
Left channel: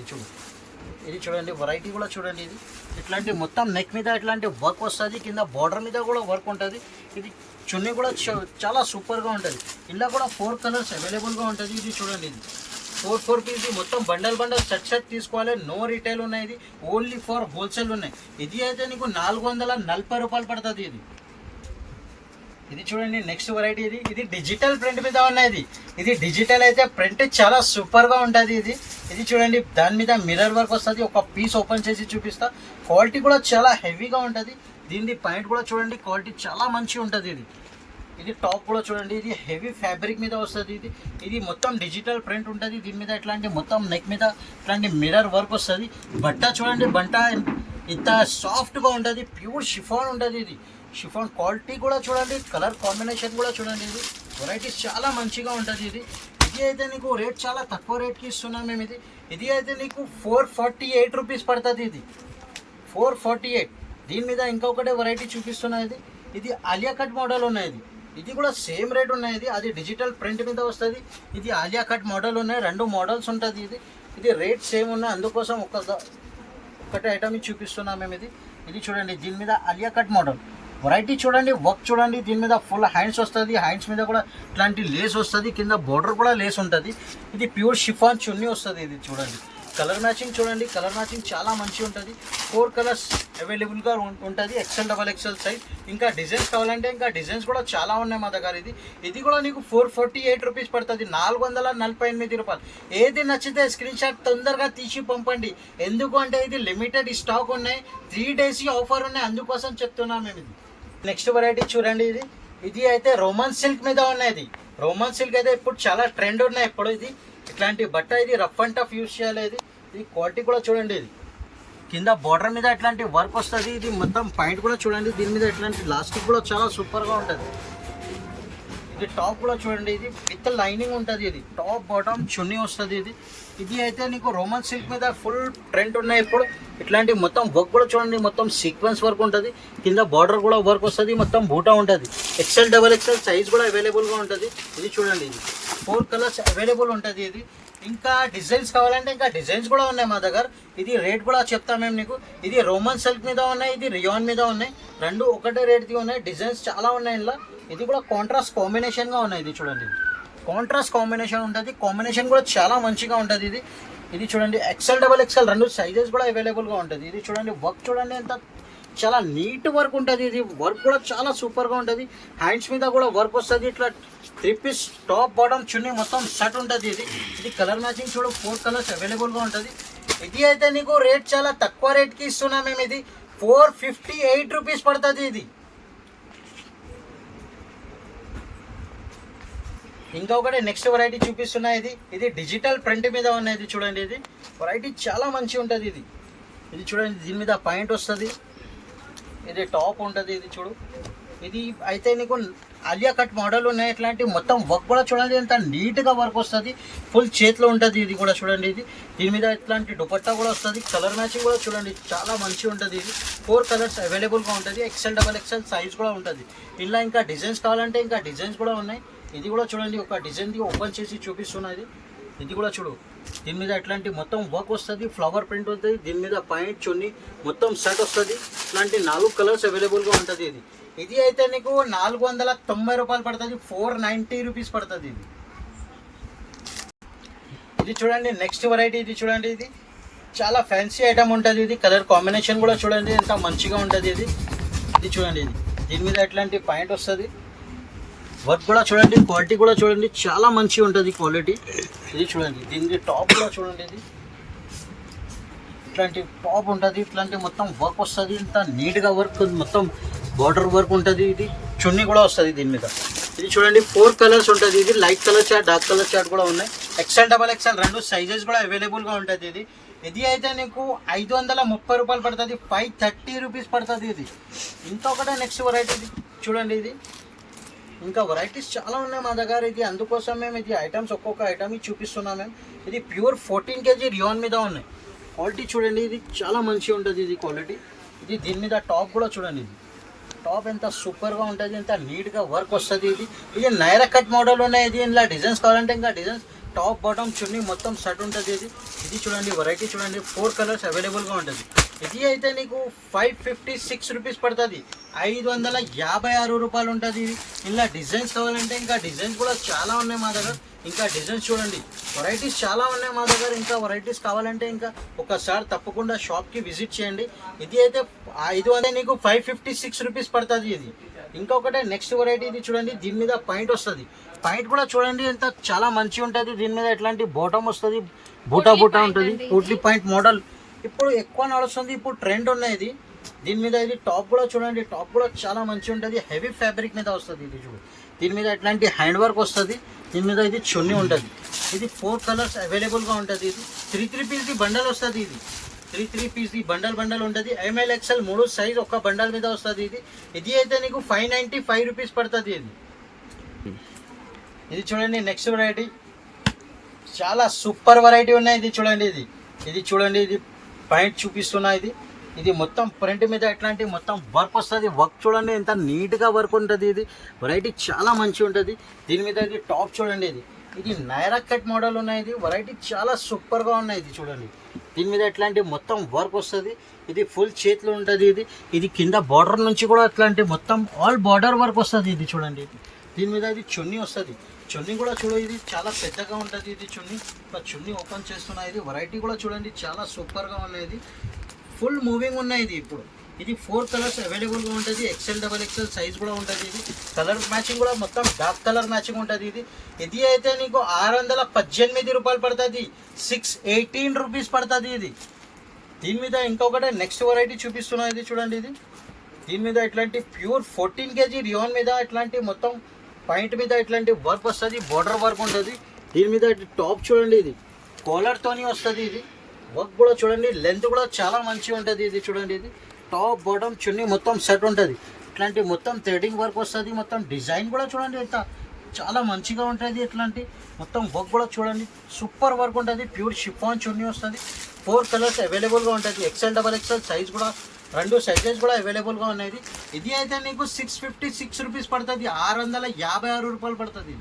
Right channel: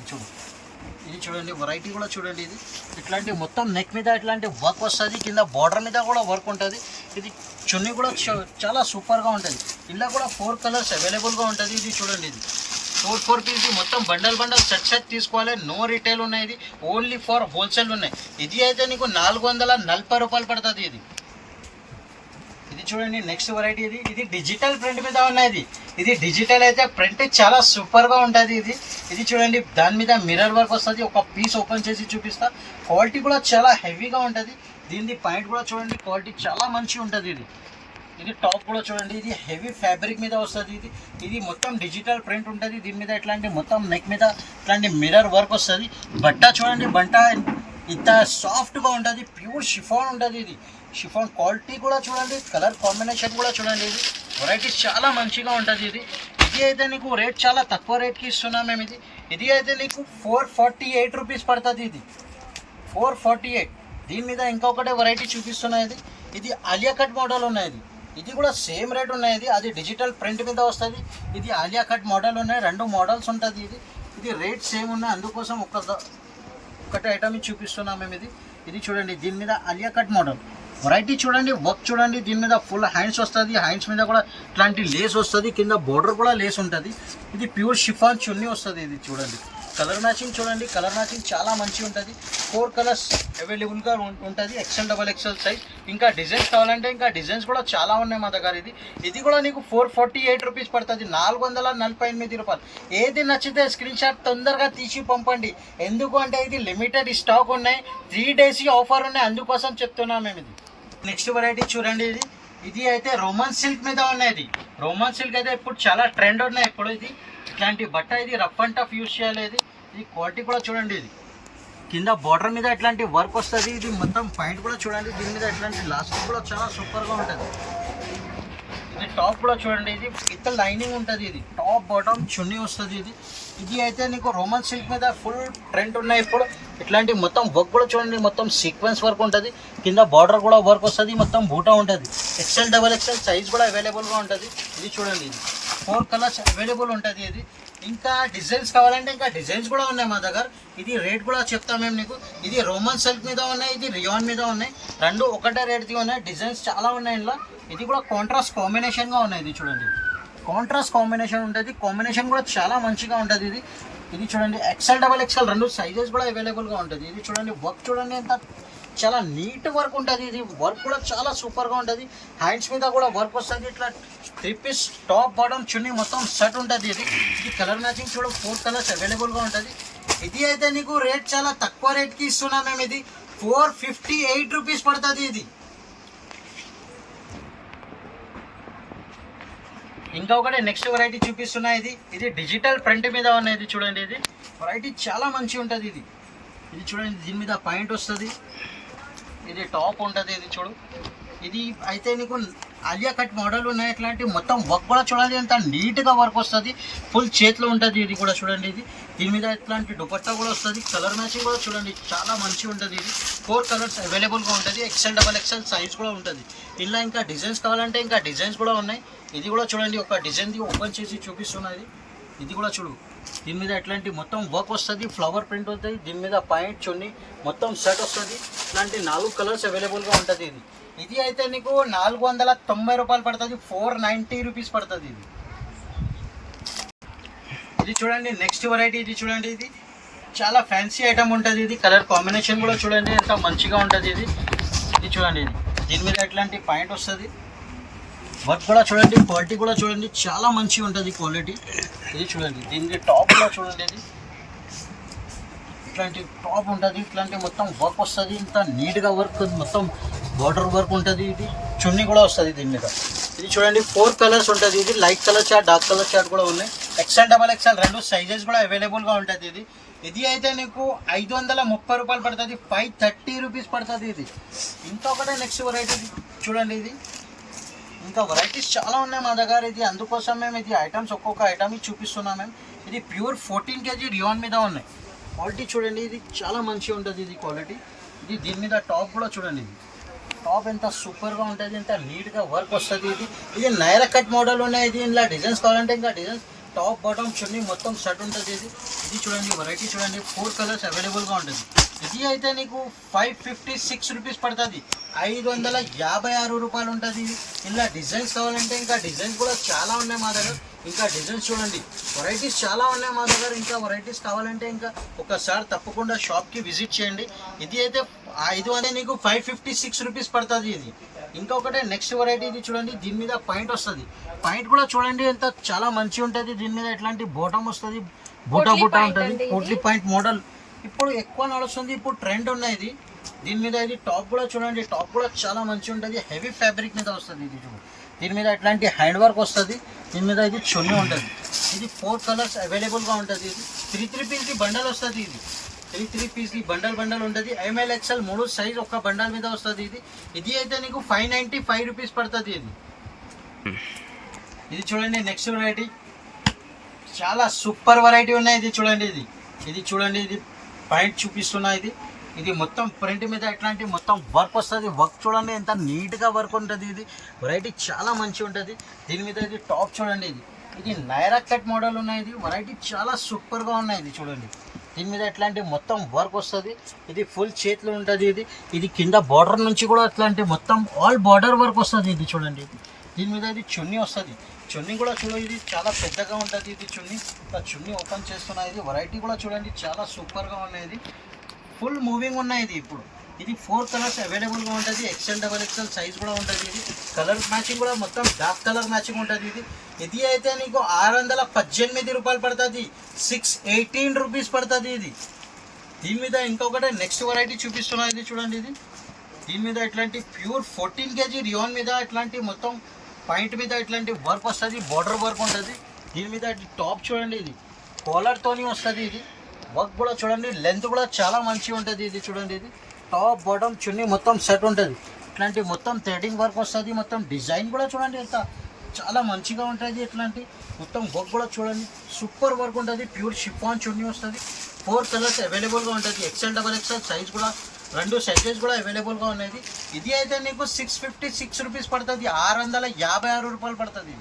ఇది చూడండి వెరైటీ కూడా చూడండి. ఇది ఇట్లాంటి మొత్తం నెక్ మీద ఇట్లాంటి వర్క్ వస్తుంది, కింద బార్డర్ మీద కూడా వర్క్ ఉంటుంది. ఇది చున్నీ కూడా చాలా సూపర్గా ఉంటుంది. ఇలా కూడా 4 కలర్స్ అవైలబుల్గా ఉంటుంది. ఇది చూడండి, ఇది 4 పీస్ మొత్తం బండల్ సెట్ తీసుకోవాలి. నో రిటైల్ ఉన్నాయి, ఇది ఓన్లీ ఫర్ హోల్సేల్ ఉన్నాయి. ఇది అయితే నీకు 440 రూపాయలు పడుతుంది. ఇది చూడండి నెక్స్ట్ వెరైటీ. ఇది డిజిటల్ ప్రింట్ మీద ఉన్నాయి. ఇది డిజిటల్ అయితే ప్రింట్ చాలా సూపర్గా ఉంటుంది. ఇది చూడండి దాని మీద మిర్రర్ వర్క్ వస్తుంది. ఒక పీస్ ఓపెన్ చేసి చూపిస్తా. క్వాలిటీ కూడా చాలా హెవీగా ఉంటుంది. దీని పాయింట్ కూడా చూడండి, క్వాలిటీ చాలా మంచిగా ఉంటుంది. ఇది టాప్ కూడా చూడండి, ఇది హెవీ ఫ్యాబ్రిక్ మీద వస్తుంది. ఇది మొత్తం డిజిటల్ ప్రింట్ ఉంటుంది. దీని మీద ఇట్లాంటి మొత్తం నెక్ మీద ఇట్లాంటి మిర్రర్ వర్క్ వస్తుంది. బట్ట చూడండి, ఇంత సాఫ్ట్గా ఉంటుంది, ప్యూర్ షిఫాన్ ఉంటుంది. ఇది షిఫాన్ క్వాలిటీ కూడా చూడండి, కలర్ కాంబినేషన్ కూడా చూడండి. ఇది వెరైటీస్ చాలా మంచిగా ఉంటుంది. ఇది అయితే నీకు రేట్ చాలా తక్కువ రేట్కి ఇస్తున్నాం మేము. ఇది అయితే నీకు 448 రూపీస్ పడుతుంది. ఇది 448. దీని మీద ఇంకొకటే వెరైటీ చూపిస్తున్నా. ఇది ఆలియా కట్ మోడల్ ఉన్నది. ఇది కూడా సేమ్ రేట్ ఉన్నది. అది డిజిటల్ ప్రింట్ మీద వస్తుంది. ఇది ఆలియా కట్ మోడల్ ఉన్నాయి. 2 మోడల్స్ ఉంటుంది. ఇది రేట్ సేమ్ ఉన్నాయి. అందుకోసం ఒకటి ఐటమ్ చూపిస్తున్నాం మేము. ఇది చూడండి, దీని మీద ఆలియా కట్ మోడల్ వెరైటీ చూడండి, వర్క్ చూడండి. దీని మీద ఫుల్ హ్యాండ్స్ వస్తుంది. హ్యాండ్స్ మీద కూడా ఇట్లాంటి లేస్ వస్తుంది. కింద బోర్డర్ కూడా లేస్ ఉంటుంది. ఇది ప్యూర్ షిఫాన్ చున్నీ వస్తుంది. ఇది చూడండి, కలర్ మ్యాచింగ్ చూడండి. కలర్ మ్యాచింగ్ చాలా మంచిగా ఉంటుంది. 4 కలర్స్ అవైలబుల్గా ఉంటుంది. XL, XXL size. ఇంకా డిజైన్స్ కావాలంటే ఇంకా డిజైన్స్ కూడా చాలా ఉన్నాయి మా దగ్గర. ఇది కూడా నీకు 448 రూపీస్ పడుతుంది. 448 రూపాయలు. ఏది నచ్చితే స్క్రీన్ షాట్ తొందరగా తీసి పంపండి. ఎందుకు అంటే ఇది లిమిటెడ్ స్టాక్ ఉన్నాయి. 3 days ఆఫర్ ఉన్నాయి. అందుకోసం చెప్తున్నాం మేము. ఇది నెక్స్ట్ వెరైటీ చూడండి. ఇది అయితే రోమన్ సిల్క్ మీద ఉన్నది. రోమన్ సిల్క్ అయితే ఇప్పుడు చాలా ట్రెండ్ ఉన్నాయి. ఇప్పుడు ఇది ఇట్లాంటి బట్ట, ఇది రఫ్ అండ్ టఫ్ యూస్ చేయాలి. ఇది క్వాలిటీ కూడా చూడండి. ఇది కింద బార్డర్ మీద ఇట్లాంటి వర్క్ వస్తుంది. ఇది మొత్తం పాయింట్ కూడా చూడండి. దీని మీద ఇట్లాంటి లాస్టిక్ కూడా చాలా సూపర్గా ఉంటుంది. ఇది టాప్ కూడా చూడండి. ఇది విత్ లైనింగ్ ఉంటుంది. ఇది టాప్ బాటమ్ చున్నీ వస్తుంది. ఇది అయితే నీకు రోమన్ సిల్క్ మీద ఫుల్ ట్రెండ్ ఉన్నాయి ఇప్పుడు. ఇట్లాంటి మొత్తం వర్క్ కూడా చూడండి. మొత్తం సీక్వెన్స్ వర్క్ ఉంటుంది. కింద బార్డర్ కూడా వర్క్ వస్తుంది. మొత్తం బూటా ఉంటుంది. XL, XXL సైజ్ కూడా అవైలబుల్గా ఉంటుంది. ఇది చూడండి, ఇది 4 కలర్స్ అవైలబుల్ ఉంటుంది. ఇది ఇంకా డిజైన్స్ కావాలంటే ఇంకా డిజైన్స్ కూడా ఉన్నాయి మా దగ్గర. ఇది రేట్ కూడా చెప్తాం మేము నీకు. ఇది రోమన్ సిల్క్ మీద ఉన్నాయి. ఇది రియాన్ మీద ఉన్నాయి. 2 ఒకటే రేట్ది ఉన్నాయి. డిజైన్స్ చాలా ఉన్నాయి ఇందులో. ఇది కూడా కాంట్రాస్ట్ కాంబినేషన్గా ఉన్నాయి. ఇది చూడండి, కాంట్రాస్ట్ కాంబినేషన్ ఉంటుంది. కాంబినేషన్ కూడా చాలా మంచిగా ఉంటుంది. ఇది చూడండి, XL, XXL 2 సైజెస్ కూడా అవైలబుల్గా ఉంటుంది. ఇది చూడండి, వర్క్ చూడండి ఎంత చాలా నీట్ వర్క్ ఉంటుంది. ఇది వర్క్ కూడా చాలా సూపర్గా ఉంటుంది. హ్యాండ్స్ మీద కూడా వర్క్ వస్తుంది. ఇట్లా 3 పీస్ టాప్ బాటమ్ చున్నీ మొత్తం సెట్ ఉంటుంది. ఇది కలర్ మ్యాచింగ్ చూడ 4 కలర్స్ అవైలబుల్గా ఉంటుంది. ఇది అయితే నీకు రేట్ చాలా తక్కువ రేట్కి ఇస్తున్నాం మేము. ఇది 458 రూపీస్ పడుతుంది. ఇది ఇంకా ఒకటి నెక్స్ట్ వెరైటీ చూపిస్తున్నా. ఇది డిజిటల్ ప్రింట్ మీద ఉన్నది. చూడండి, ఇది వెరైటీ చాలా మంచిగా ఉంటుంది. ఇది చూడండి, దీని మీద పాయింట్ వస్తుంది. ఇది టాప్ ఉంటుంది. ఇది చూడు, ఇది అయితే నీకు ఆలియా కట్ మోడల్ ఉన్నాయి. ఇట్లాంటి మొత్తం వర్క్ కూడా చూడండి ఎంత నీట్గా వర్క్ వస్తుంది. ఫుల్ చేతిలో ఉంటుంది. ఇది కూడా చూడండి, దీని మీద ఇట్లాంటి దుపట్టా కూడా వస్తుంది. కలర్ మ్యాచింగ్ కూడా చూడండి చాలా మంచిగా ఉంటుంది. ఇది 4 కలర్స్ అవైలబుల్గా ఉంటుంది. XL, XXL సైజ్ కూడా ఉంటుంది. ఇలా ఇంకా డిజైన్స్ కావాలంటే ఇంకా డిజైన్స్ కూడా ఉన్నాయి. ఇది కూడా చూడండి, ఒక డిజైన్ది ఓపెన్ చేసి చూపిస్తున్నది. ఇది కూడా చూడు, దీని మీద ఇట్లాంటి మొత్తం వర్క్ వస్తుంది. ఫ్లవర్ ప్రింట్ ఉంటుంది. దీని మీద పాయింట్ చున్నీ మొత్తం సెట్ వస్తుంది. ఇట్లాంటి 4 కలర్స్ అవైలబుల్గా ఉంటుంది. ఇది అయితే నీకు 490 రూపాయలు పడుతుంది. 490 రూపీస్ పడుతుంది. ఇది చూడండి, నెక్స్ట్ వెరైటీ. ఇది చూడండి, ఇది చాలా ఫ్యాన్సీ ఐటమ్ ఉంటుంది. ఇది కలర్ కాంబినేషన్ కూడా చూడండి ఎంత మంచిగా ఉంటుంది. ఇది చూడండి, దీని మీద ఇట్లాంటి పాయింట్ వస్తుంది. వర్క్ కూడా చూడండి, క్వాలిటీ కూడా చూడండి చాలా మంచిగా ఉంటుంది క్వాలిటీ. ఇది చూడండి, దీనికి టాప్ కూడా చూడండి. ఇట్లాంటి టాప్ ఉంటుంది. ఇట్లాంటి మొత్తం వర్క్ వస్తుంది. ఇంత నీట్గా వర్క్, మొత్తం బార్డర్ వర్క్ ఉంటుంది. ఇది చున్నీ కూడా వస్తుంది దీని మీద. ఇది చూడండి, 4 కలర్స్ ఉంటుంది. ఇది light colour chart, dark colour chart కూడా ఉన్నాయి. XL, XXL 2 సైజెస్ కూడా అవైలబుల్గా ఉంటుంది. ఇది అయితే నీకు 530 రూపాయలు పడుతుంది. 530 రూపీస్ పడుతుంది. ఇది ఇంకొకటే నెక్స్ట్ వెరైటీ చూడండి. ఇది ఇంకా వెరైటీస్ చాలా ఉన్నాయి మా దగ్గర. ఇది అందుకోసం మేము ఇది ఐటమ్స్ ఒక్కొక్క ఐటమ్ చూపిస్తున్నాం మేము. ఇది ప్యూర్ 14 kg రియాన్ మీద ఉన్నాయి. క్వాలిటీ చూడండి, ఇది చాలా మంచిగా ఉంటుంది. ఇది క్వాలిటీ. ఇది దీని మీద టాప్ కూడా చూడండి. టాప్ ఎంత సూపర్గా ఉంటుంది, ఎంత నీట్గా వర్క్ వస్తుంది. ఇది నైరా కట్ మోడల్ ఉన్నాయి. ఇది ఇలా డిజైన్స్ కావాలంటే ఇంకా డిజైన్స్, టాప్ బాటమ్ చున్నీ మొత్తం సెట్ ఉంటుంది. ఇది చూడండి, వెరైటీ చూడండి, 4 కలర్స్ అవైలబుల్గా ఉంటుంది. ఇది అయితే నీకు 556 రూపీస్ పడుతుంది. 556 రూపాయలు ఉంటుంది. ఇలా డిజైన్స్ కావాలంటే ఇంకా డిజైన్స్ కూడా చాలా ఉన్నాయి మా దగ్గర. ఇంకా డిజైన్స్ చూడండి, వెరైటీస్ చాలా ఉన్నాయి మా దగ్గర. ఇంకా వెరైటీస్ కావాలంటే ఇంకా ఒకసారి తప్పకుండా షాప్కి విజిట్ చేయండి. ఇది అయితే 500 నీకు 556 రూపీస్ పడుతుంది. ఇది ఇంకొకటే నెక్స్ట్ వెరైటీ. ఇది చూడండి, దీని మీద పాయింట్ వస్తుంది. పాయింట్ కూడా చూడండి ఎంత చాలా మంచిగా ఉంటుంది. దీని మీద ఇట్లాంటి బాటమ్ వస్తుంది, బూటా ఉంటుంది. పూట్లీ పాయింట్ మోడల్ ఇప్పుడు ఎక్కువ నడుస్తుంది. ఇప్పుడు ట్రెండ్ ఉన్నాయి. దీని మీద ఇది టాప్ కూడా చూడండి, టాప్ కూడా చాలా మంచిగా ఉంటుంది. హెవీ ఫ్యాబ్రిక్ మీద వస్తుంది. ఇది చూడు, దీని మీద ఇట్లాంటి హ్యాండ్ వర్క్ వస్తుంది. దీని మీద ఇది చున్నీ ఉంటుంది. ఇది 4 కలర్స్ అవైలబుల్గా ఉంటుంది. ఇది 3 పీస్ది బండల్ వస్తుంది. ఇది 3 పీస్ది బండల్ ఉంటుంది. ML, XL 3 సైజ్ ఒక్క బండల్ మీద వస్తుంది. ఇది అయితే నీకు 595 రూపీస్ పడుతుంది. ఇది చూడండి, నెక్స్ట్ వెరైటీ చాలా సూపర్ వెరైటీ ఉన్నాయి. ఇది చూడండి, ఇది చూడండి, ఇది పాయింట్ చూపిస్తున్నా. ఇది ఇది మొత్తం ప్రింట్ మీద ఎట్లాంటి మొత్తం వర్క్ వస్తుంది. వర్క్ చూడండి ఎంత నీట్గా వర్క్ ఉంటుంది. ఇది వెరైటీ చాలా మంచిగా ఉంటుంది. దీని మీద ఇది టాప్ చూడండి. ఇది నైరా కట్ మోడల్ ఉన్నాయి. ఇది వెరైటీ చాలా సూపర్గా ఉన్నాయి. ఇది చూడండి దీని మీద ఎట్లాంటి మొత్తం వర్క్ వస్తుంది. ఇది ఫుల్ చేతిలో ఉంటుంది. ఇది కింద బార్డర్ నుంచి కూడా అట్లాంటి మొత్తం ఆల్ బార్డర్ వర్క్ వస్తుంది. ఇది చూడండి దీని మీద ఇది చున్నీ వస్తుంది. చున్నీ కూడా చూడండి ఇది చాలా పెద్దగా ఉంటుంది. ఇది చున్నీ ఓపెన్ చేస్తున్నా. ఇది వెరైటీ కూడా చూడండి చాలా సూపర్గా ఉన్నాయి. ఫుల్ మూవింగ్ ఉన్నాయి. ఇది 4 కలర్స్ అవైలబుల్గా ఉంటుంది. XL XXL సైజ్ కూడా ఉంటుంది. ఇది కలర్ మ్యాచింగ్ కూడా మొత్తం డార్క్ కలర్ మ్యాచింగ్ ఉంటుంది. ఇది అయితే నీకు 618 రూపాయలు పడుతుంది. 618 రూపీస్ పడుతుంది. దీని మీద ఇంకొకటి నెక్స్ట్ వెరైటీ చూపిస్తున్నా. ఇది చూడండి దీని మీద ఇట్లాంటి ప్యూర్ 14 kg రియాన్ మీద ఇట్లాంటి మొత్తం పాయింట్ మీద ఇట్లాంటి వర్క్ వస్తుంది. బార్డర్ వర్క్ ఉంటుంది. దీని మీద టాప్ చూడండి. ఇది కాలర్తోని వస్తుంది. ఇది వర్క్ కూడా చూడండి లెంత్ కూడా చాలా మంచిగా ఉంటుంది. ఇది చూడండి ఇది టాప్ బాటమ్ చున్నీ మొత్తం సెట్ ఉంటుంది. ఇట్లాంటి మొత్తం థ్రెడింగ్ వర్క్ వస్తుంది. మొత్తం డిజైన్ కూడా చూడండి ఎంత చాలా మంచిగా ఉంటుంది. ఇట్లాంటి మొత్తం వర్క్ కూడా చూడండి సూపర్ వర్క్ ఉంటుంది. ప్యూర్ షిఫాన్ చున్నీ వస్తుంది. 4 కలర్స్ అవైలబుల్గా ఉంటుంది. XL XXL సైజ్ కూడా 2 సైజెస్ కూడా అవైలబుల్గా ఉన్నాయి. ఇది అయితే నీకు 656 రూపీస్ పడుతుంది. 656 రూపాయలు పడుతుంది.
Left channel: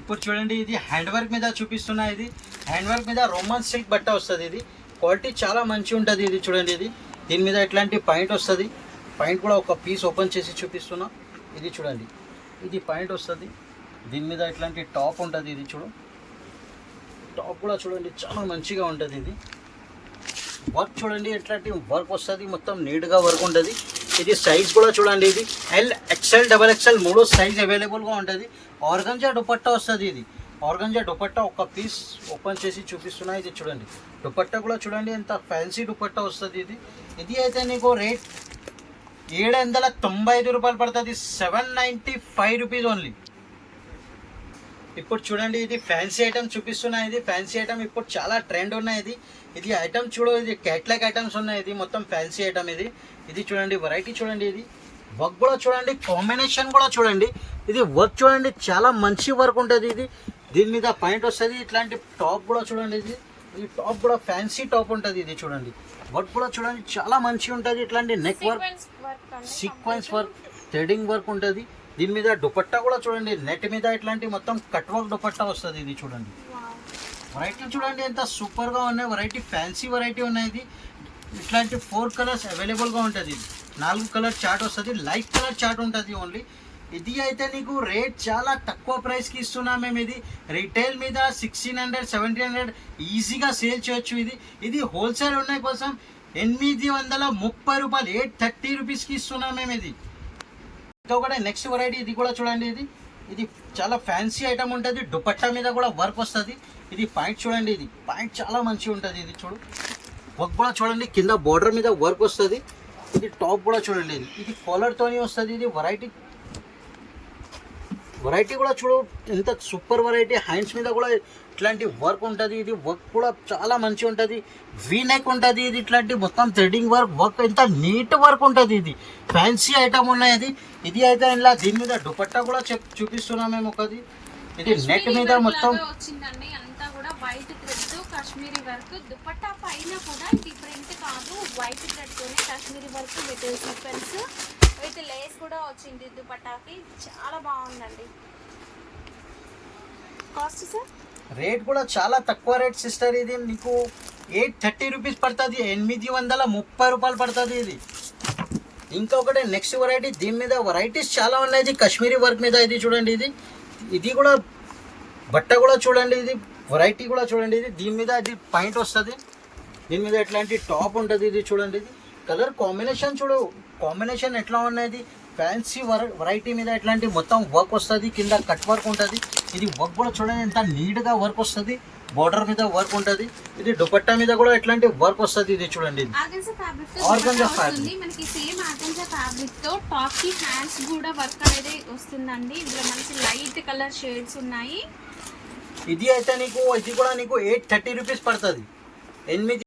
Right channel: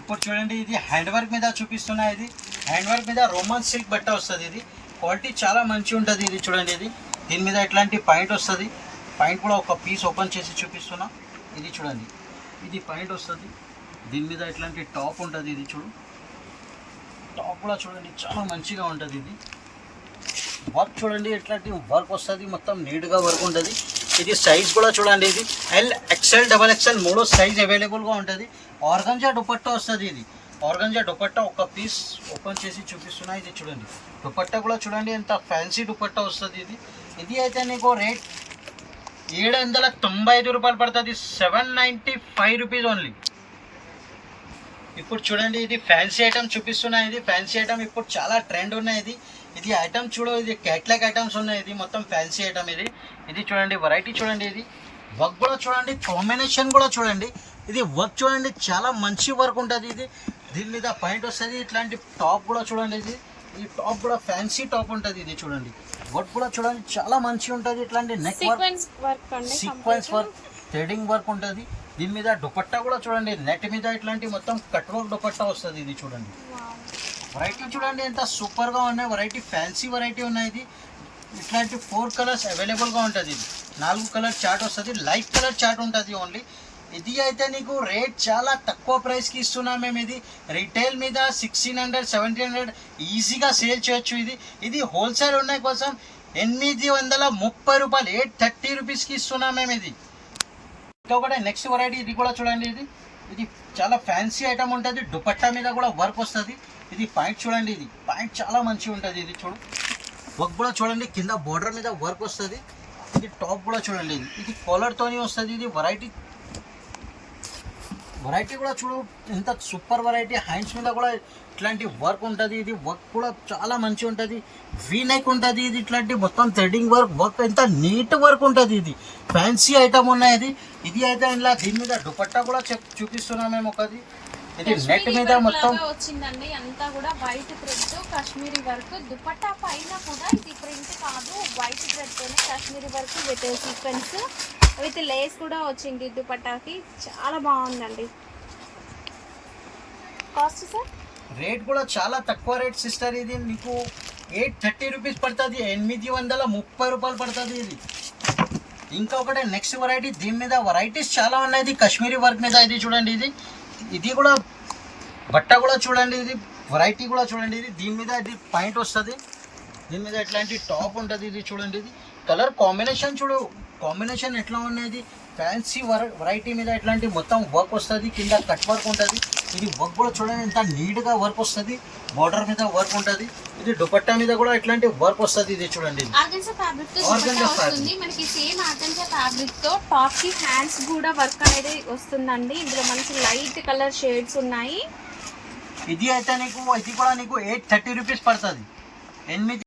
ఇప్పుడు చూడండి ఇది హ్యాండ్ వర్క్ మీద చూపిస్తున్నా. ఇది హ్యాండ్ వర్క్ మీద రోమన్ సిల్క్ బట్ట వస్తుంది. ఇది క్వాలిటీ చాలా మంచిగా ఉంటుంది. ఇది చూడండి దీని మీద ఇట్లాంటి పాయింట్ వస్తుంది. పాయింట్ కూడా ఒక పీస్ ఓపెన్ చేసి చూపిస్తున్నా. ఇది చూడండి ఇది పాయింట్ వస్తుంది. దీని మీద ఇట్లాంటి టాప్ ఉంటుంది. ఇది టాప్ కూడా చూడండి చాలా మంచిగా ఉంటుంది. ఇది వర్క్ చూడండి ఎట్లాంటి వర్క్ వస్తుంది. మొత్తం నీట్గా వర్క్ ఉంటుంది. ఇది సైజ్ కూడా చూడండి. ఇది L XL XXL 3 సైజ్ అవైలబుల్గా ఉంటుంది. ఆర్గంజా దుపట్టా వస్తుంది. ఇది ఆర్గంజా దుపట్టా ఒక పీస్ ఓపెన్ చేసి చూపిస్తున్నా. ఇది చూడండి దుపట్టా కూడా చూడండి ఎంత ఫ్యాన్సీ దుపట్టా వస్తుంది. ఇది అయితే నీకు రేట్ 795 రూపాయలు పడుతుంది. 795 రూపీస్ ఓన్లీ. ఇప్పుడు చూడండి ఇది ఫ్యాన్సీ ఐటమ్ చూపిస్తున్నా. ఇది ఫ్యాన్సీ ఐటమ్ ఇప్పుడు చాలా ట్రెండ్ ఉన్నాయి. ఇది ఐటమ్ చూడు ఇది క్యాట్లాగ్ ఐటమ్స్ ఉన్నాయి. ఇది మొత్తం ఫ్యాన్సీ ఐటమ్. ఇది చూడండి వెరైటీ చూడండి. ఇది వర్క్ కూడా చూడండి కాంబినేషన్ కూడా చూడండి. ఇది వర్క్ చూడండి చాలా మంచి వర్క్ ఉంటుంది. దీని మీద పాయింట్ వస్తుంది. ఇట్లాంటి టాప్ కూడా చూడండి. ఈ టాప్ కూడా ఫ్యాన్సీ టాప్ ఉంటుంది. ఇది చూడండి వర్క్ కూడా చూడండి చాలా మంచిగా ఉంటుంది. ఇట్లాంటి neck work sequence work threading work ఉంటుంది. దీని మీద దుపట్టా కూడా చూడండి నెట్ మీద ఇట్లాంటి మొత్తం కట్ వర్క్ దుపట్టా వస్తుంది. ఇది చూడండి వెరైటీ చూడండి ఎంత సూపర్గా ఉన్నాయి. వెరైటీ ఫ్యాన్సీ వెరైటీ ఉన్నాయి. ఇట్లాంటి 4 కలర్స్ అవైలబుల్గా ఉంటుంది. ఇది 4 కలర్ చార్ట్ వస్తుంది. లైట్ కలర్ చార్ట్ ఉంటుంది ఓన్లీ. ఇది అయితే నీకు రేట్ చాలా తక్కువ ప్రైస్కి ఇస్తున్నాం మేము. ఇది రీటైల్ మీద 1600 1700 ఈజీగా సేల్ చేయొచ్చు. ఇది హోల్సేల్ ఉన్న కోసం 830 రూపాయలు 830 రూపీస్కి ఇస్తున్నాం మేము. ఇది ఇంకొకటి నెక్స్ట్ వెరైటీ. ఇది కూడా చూడండి. ఇది చాలా ఫ్యాన్సీ ఐటమ్ ఉంటుంది. దుపట్టా మీద కూడా వర్క్ వస్తుంది. ఇది పాయింట్ చూడండి. ఇది పాయింట్ చాలా మంచిగా ఉంటుంది. ఇది చూడు వర్క్ కూడా చూడండి కింద బార్డర్ మీద వర్క్ వస్తుంది. ఇది టాప్ కూడా చూడండి. ఇది కాలర్తోనే వస్తుంది. ఇది వెరైటీ కూడా చూడు ఎంత సూపర్ వెరైటీ. హ్యాండ్స్ మీద కూడా ఇట్లాంటి వర్క్ ఉంటుంది. ఇది వర్క్ కూడా చాలా మంచిగా ఉంటుంది. వీ నెక్ ఉంటుంది. ఇది ఇట్లాంటి మొత్తం థ్రెడింగ్ వర్క్ ఎంత నీట్ వర్క్ ఉంటుంది. ఇది ఫ్యాన్సీ ఐటమ్ ఉన్నాయి. ఇది అయితే ఇలా దీని మీద దుపట్టా కూడా చూపిస్తున్నాం మేము ఒకది. ఇది నెట్ మీద మొత్తం వచ్చిందండి. అంతా కూడా white thread Kashmiri work. Dupatta పైన కూడా ఇది ప్రింట్ కాదు వైట్ థ్రెడ్ తోనే Kashmiri work with sequence with lace కూడా వచ్చింది దుపట్టాకి. చాలా బాగుందండి. కాస్ట్ సార్ రేట్ కూడా చాలా తక్కువ రేట్ సిస్టర్. ఇది నీకు 830 రూపీస్ పడుతుంది. 830 రూపాయలు పడుతుంది. ఇది ఇంకొకటి నెక్స్ట్ వెరైటీ. దీని మీద వెరైటీస్ చాలా ఉన్నాయి. కాశ్మీరీ వర్క్ మీద ఇది చూడండి. ఇది కూడా బట్ట కూడా చూడండి. ఇది వెరైటీ కూడా చూడండి. దీని మీద ఇది పాయింట్ వస్తుంది. దీని మీద ఇట్లాంటి టాప్ ఉంటుంది. ఇది చూడండి. ఇది కలర్ కాంబినేషన్ చూడు కాంబినేషన్ ఎట్లా ఉన్నది. ఫ్యాన్సీ వెరైటీ మీద ఇట్లాంటి మొత్తం వర్క్ వస్తుంది. కింద కట్ వర్క్ ఉంటుంది. ఇది వర్క్ కూడా చూడండి ఎంత నీట్గా వర్క్ వస్తుంది. బార్డర్ మీద వర్క్ ఉంటుంది. ఇది దుపట్టా మీద కూడా ఇట్లాంటి వర్క్ వస్తుంది. ఇది చూడండి ఆర్గంజా ఫ్యాబ్రిక్ మనకి సేమ్ ఆర్గంజా ఫ్యాబ్రిక్ తో టాప్ కి హ్యాండ్స్ కూడా వర్క్ అనేది వస్తుందండి. ఇందులో మనకి లైట్ కలర్ షేడ్స్ ఉన్నాయి. ఇది అయితే నీకు ఇది కూడా నీకు 830 రూపీస్ పడుతుంది.